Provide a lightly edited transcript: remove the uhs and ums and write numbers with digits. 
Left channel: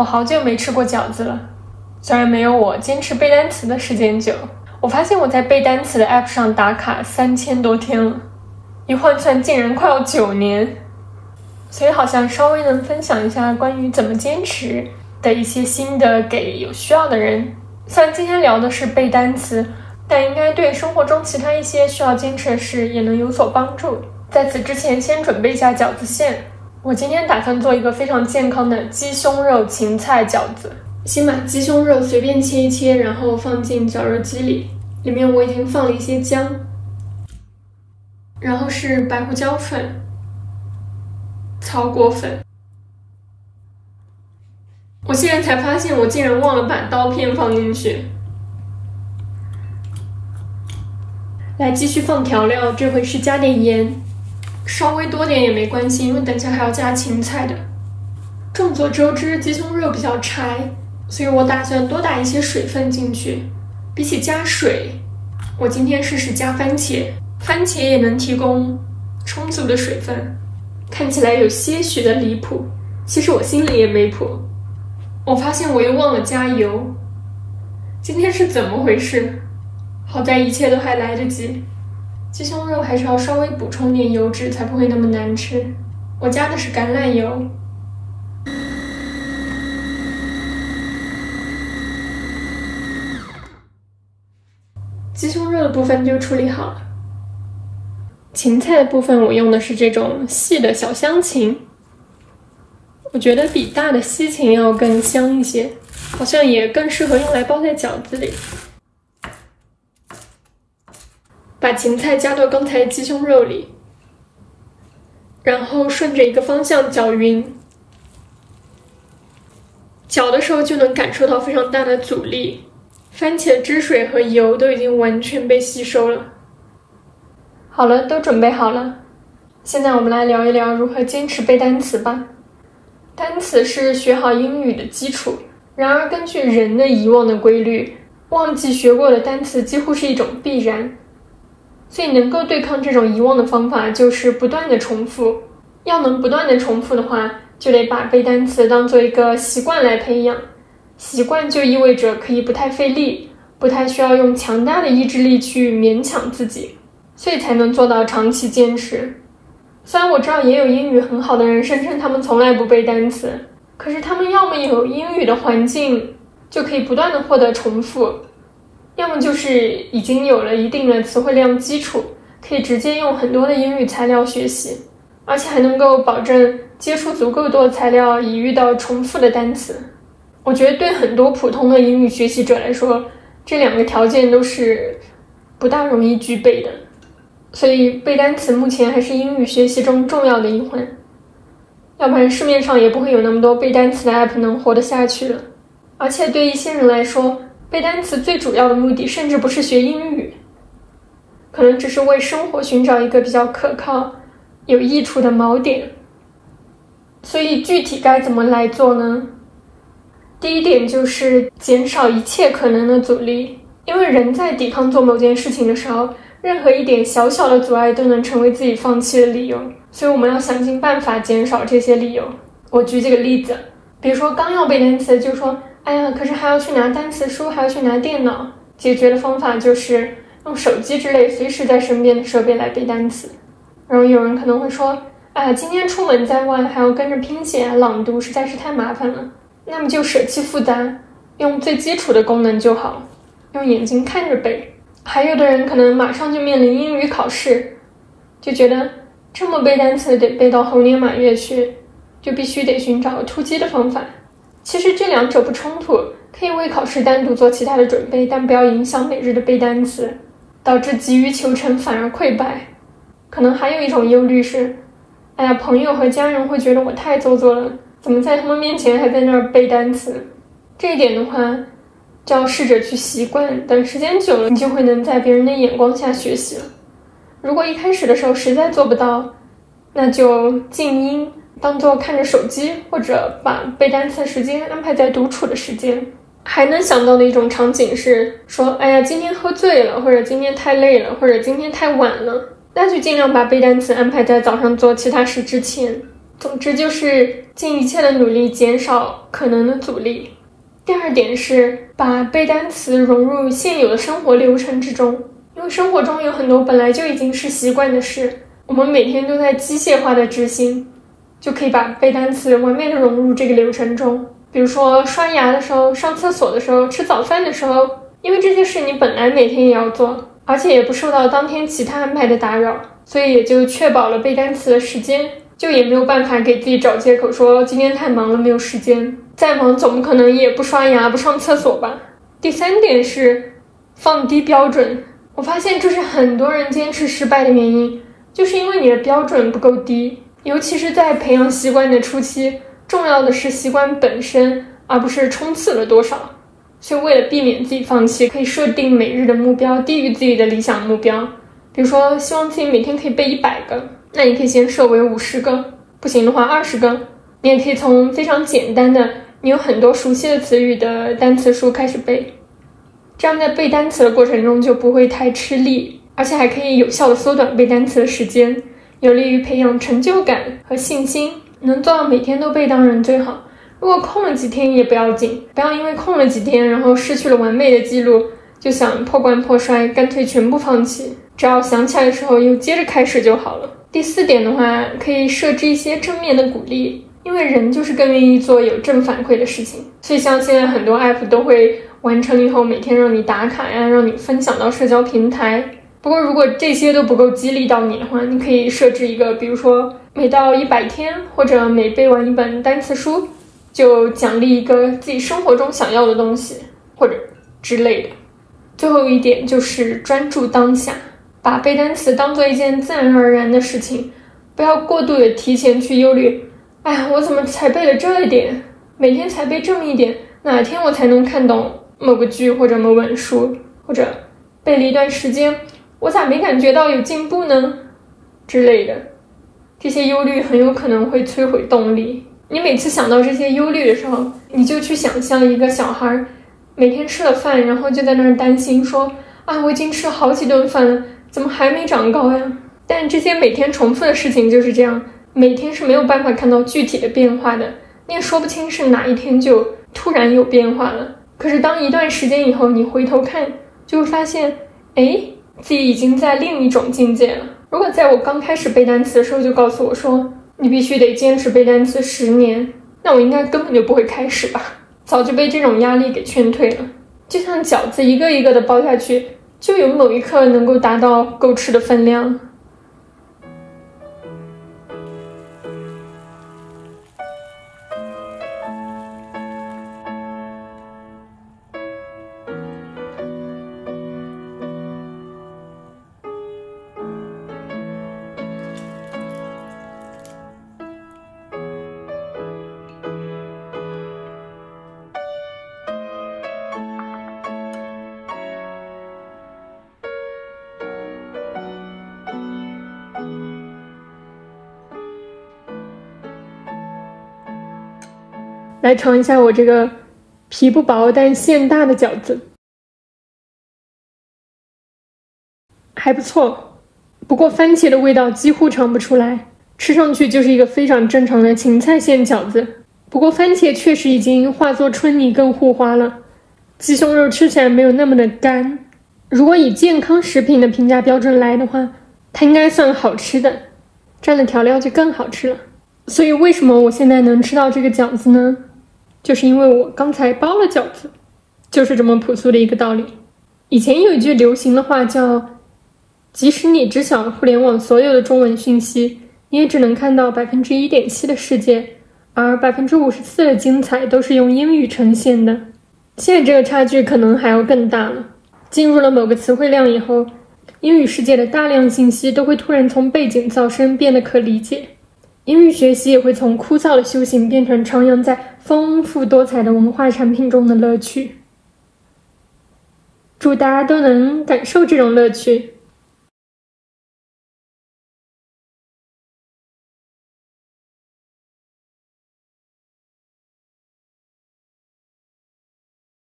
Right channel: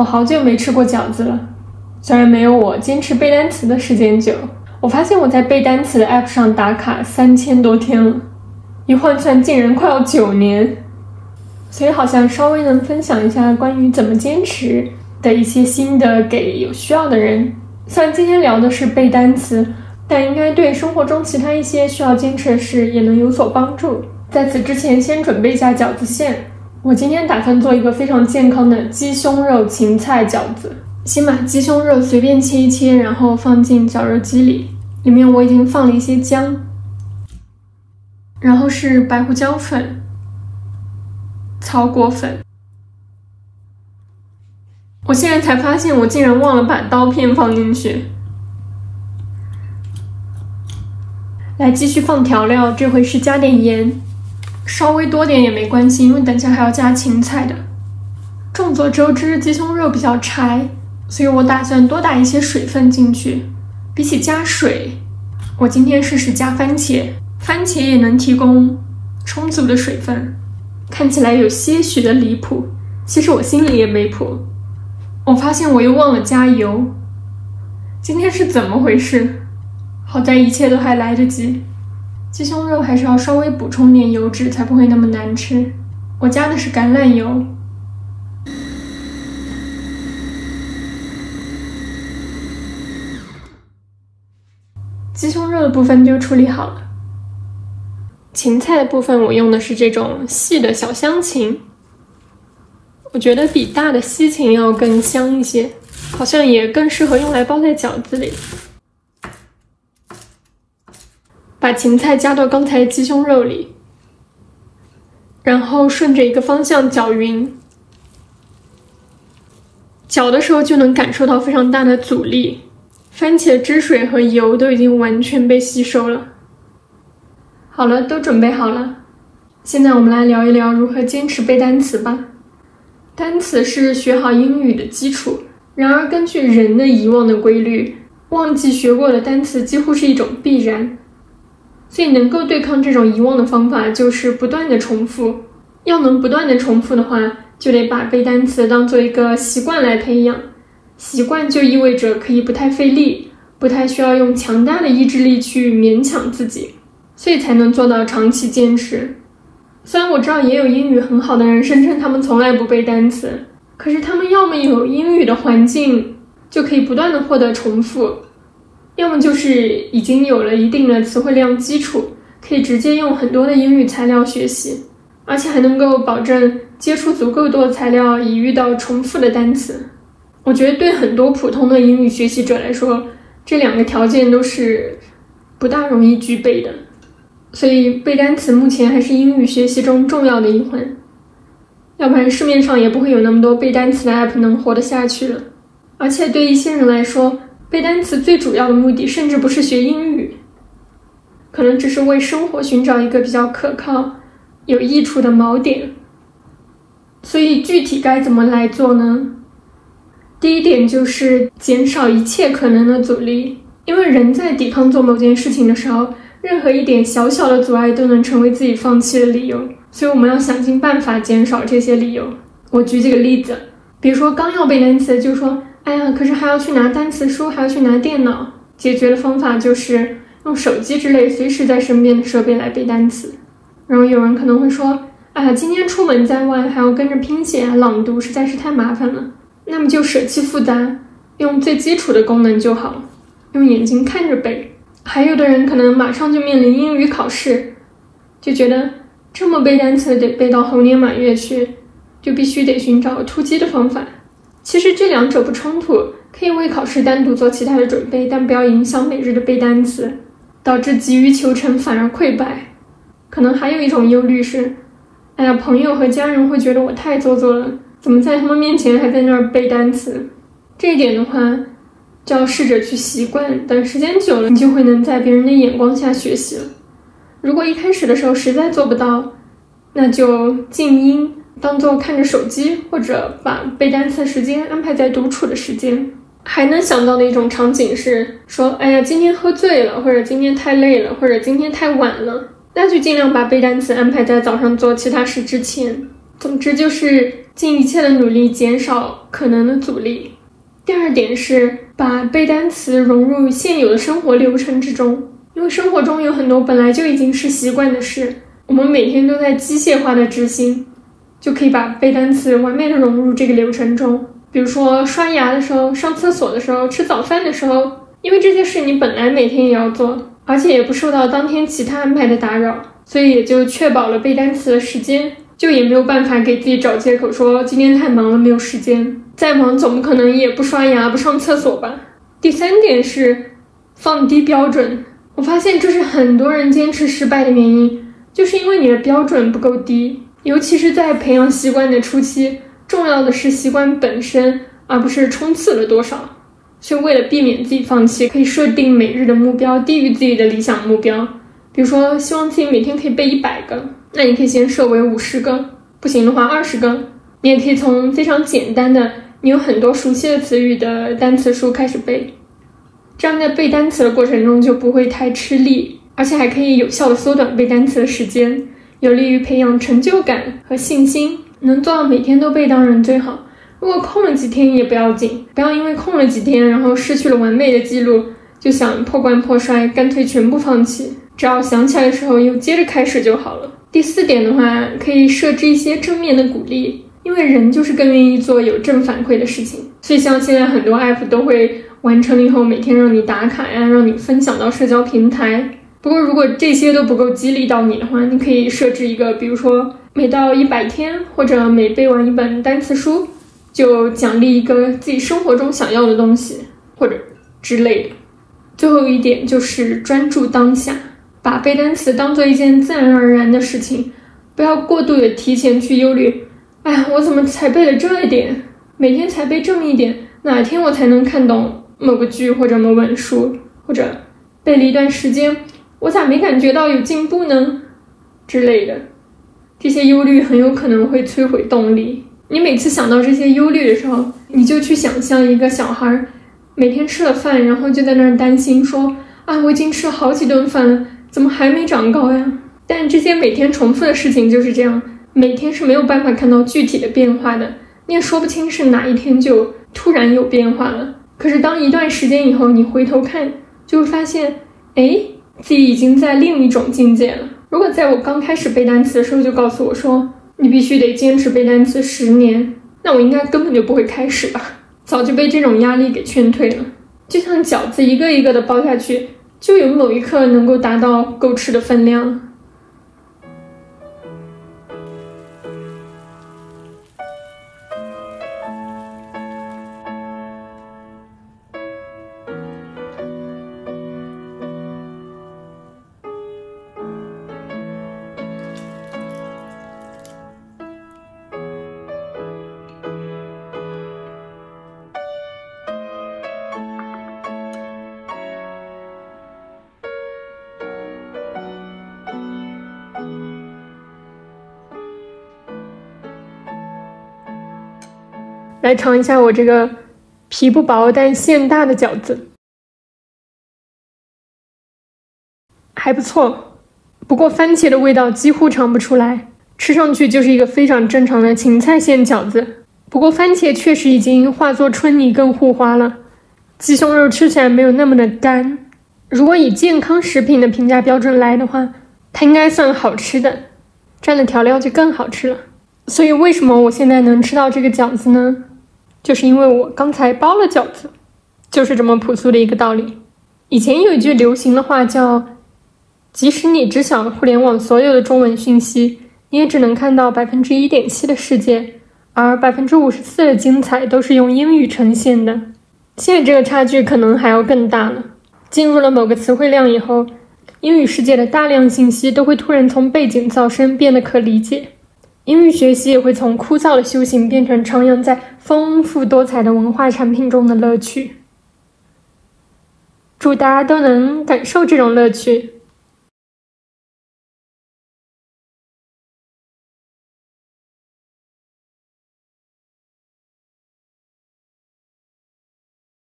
我好久没吃过饺子了，虽然没有我坚持背单词的时间久。我发现我在背单词的 app 上打卡3000多天了，一换算竟然快要9年，所以好像稍微能分享一下关于怎么坚持的一些心得给有需要的人。虽然今天聊的是背单词，但应该对生活中其他一些需要坚持的事也能有所帮助。在此之前，先准备一下饺子馅。我今天打算做一个非常健康的鸡胸肉芹菜饺子。先把鸡胸肉随便切一切，然后放进绞肉机里，里面我已经放了一些姜，然后是白胡椒粉、草果粉。我现在才发现我竟然忘了把刀片放进去。来，继续放调料，这回是加点盐，稍微多点也没关系，因为等下还要加芹菜的。众所周知，鸡胸肉比较柴，所以我打算多打一些水分进去。比起加水，我今天试试加番茄，番茄也能提供充足的水分。看起来有些许的离谱，其实我心里也没谱。我发现我又忘了加油，今天是怎么回事？好在一切都还来得及。鸡胸肉还是要稍微补充点油脂，才不会那么难吃。我加的是橄榄油。鸡胸肉的部分就处理好了。芹菜的部分我用的是这种细的小香芹，我觉得比大的西芹要更香一些，好像也更适合用来包在饺子里。把芹菜加到刚才鸡胸肉里，然后顺着一个方向搅匀。搅的时候就能感受到非常大的阻力，番茄汁水和油都已经完全被吸收了。好了，都准备好了。现在我们来聊一聊如何坚持背单词吧。单词是学好英语的基础，然而根据人的遗忘的规律，忘记学过的单词几乎是一种必然。所以能够对抗这种遗忘的方法就是不断的重复。要能不断的重复的话，就得把背单词当做一个习惯来培养。习惯就意味着可以不太费力，不太需要用强大的意志力去勉强自己，所以才能做到长期坚持。虽然我知道也有英语很好的人声称他们从来不背单词，可是他们要么有英语的环境，就可以不断的获得重复，要么就是已经有了一定的词汇量基础，可以直接用很多的英语材料学习，而且还能够保证接触足够多的材料以遇到重复的单词。我觉得对很多普通的英语学习者来说，这两个条件都是不大容易具备的，所以背单词目前还是英语学习中重要的一环，要不然市面上也不会有那么多背单词的 app 能活得下去的。而且对一些人来说，背单词最主要的目的甚至不是学英语，可能只是为生活寻找一个比较可靠、有益处的锚点。所以具体该怎么来做呢？第一点就是减少一切可能的阻力，因为人在抵抗做某件事情的时候，任何一点小小的阻碍都能成为自己放弃的理由，所以我们要想尽办法减少这些理由。我举几个例子，比如说刚要背单词就说，哎呀，可是还要去拿单词书，还要去拿电脑。解决的方法就是用手机之类随时在身边的设备来背单词。然后有人可能会说，哎呀，今天出门在外还要跟着拼写朗读，实在是太麻烦了。那么就舍弃复杂，用最基础的功能就好，用眼睛看着背。还有的人可能马上就面临英语考试，就觉得这么背单词得背到猴年马月去，就必须得寻找突击的方法。其实这两者不冲突，可以为考试单独做其他的准备，但不要影响每日的背单词，导致急于求成反而溃败。可能还有一种忧虑是，哎呀，朋友和家人会觉得我太做作了，怎么在他们面前还在那儿背单词？这一点的话，就要试着去习惯，等时间久了，你就会能在别人的眼光下学习了。如果一开始的时候实在做不到，那就静音，当做看着手机，或者把背单词的时间安排在独处的时间。还能想到的一种场景是说，哎呀，今天喝醉了，或者今天太累了，或者今天太晚了，那就尽量把背单词安排在早上做其他事之前。总之就是尽一切的努力减少可能的阻力。第二点是把背单词融入现有的生活流程之中，因为生活中有很多本来就已经是习惯的事，我们每天都在机械化的执行，就可以把背单词完美的融入这个流程中。比如说刷牙的时候、上厕所的时候、吃早饭的时候，因为这些事你本来每天也要做，而且也不受到当天其他安排的打扰，所以也就确保了背单词的时间，就也没有办法给自己找借口说今天太忙了没有时间，再忙总不可能也不刷牙不上厕所吧。第三点是放低标准，我发现这是很多人坚持失败的原因，就是因为你的标准不够低，尤其是在培养习惯的初期，重要的是习惯本身，而不是冲刺了多少。所以为了避免自己放弃，可以设定每日的目标低于自己的理想目标。比如说希望自己每天可以背100个，那你可以先设为50个，不行的话20个。你也可以从非常简单的你有很多熟悉的词语的单词书开始背，这样在背单词的过程中就不会太吃力，而且还可以有效的缩短背单词的时间，有利于培养成就感和信心。能做到每天都背当然最好，如果空了几天也不要紧，不要因为空了几天然后失去了完美的记录就想破罐破摔，干脆全部放弃，只要想起来的时候又接着开始就好了。第4点的话，可以设置一些正面的鼓励，因为人就是更愿意做有正反馈的事情，所以像现在很多 app 都会完成了以后每天让你打卡呀，让你分享到社交平台。不过如果这些都不够激励到你的话，你可以设置一个，比如说每到100天或者每背完一本单词书就奖励一个自己生活中想要的东西或者之类的。最后一点就是专注当下，把背单词当做一件自然而然的事情，不要过度的提前去忧虑，哎呀，我怎么才背了这一点，每天才背这么一点，哪天我才能看懂某个剧或者某本书，或者背了一段时间我咋没感觉到有进步呢之类的。这些忧虑很有可能会摧毁动力，你每次想到这些忧虑的时候，你就去想象一个小孩每天吃了饭，然后就在那儿担心说啊，我已经吃了好几顿饭了，怎么还没长高呀？但这些每天重复的事情就是这样，每天是没有办法看到具体的变化的，你也说不清是哪一天就突然有变化了。可是当一段时间以后你回头看，就会发现自己已经在另一种境界了。如果在我刚开始背单词的时候就告诉我说你必须得坚持背单词10年，那我应该根本就不会开始吧，早就被这种压力给劝退了。就像饺子一个一个的包下去，就有某一刻能够达到够吃的分量。来尝一下我这个皮不薄但馅大的饺子，还不错，不过番茄的味道几乎尝不出来，吃上去就是一个非常正常的芹菜馅饺子。不过番茄确实已经化作春泥更护花了，鸡胸肉吃起来没有那么的干。如果以健康食品的评价标准来的话，它应该算好吃的，蘸了调料就更好吃了。所以为什么我现在能吃到这个饺子呢？就是因为我刚才包了饺子，就是这么朴素的一个道理。以前有一句流行的话叫即使你只晓得互联网所有的中文讯息，你也只能看到1.7%的世界，而54%的精彩都是用英语呈现的。现在这个差距可能还要更大呢。进入了某个词汇量以后，英语世界的大量信息都会突然从背景噪声变得可理解，英语学习也会从枯燥的修行变成徜徉在丰富多彩的文化产品中的乐趣。祝大家都能感受这种乐趣。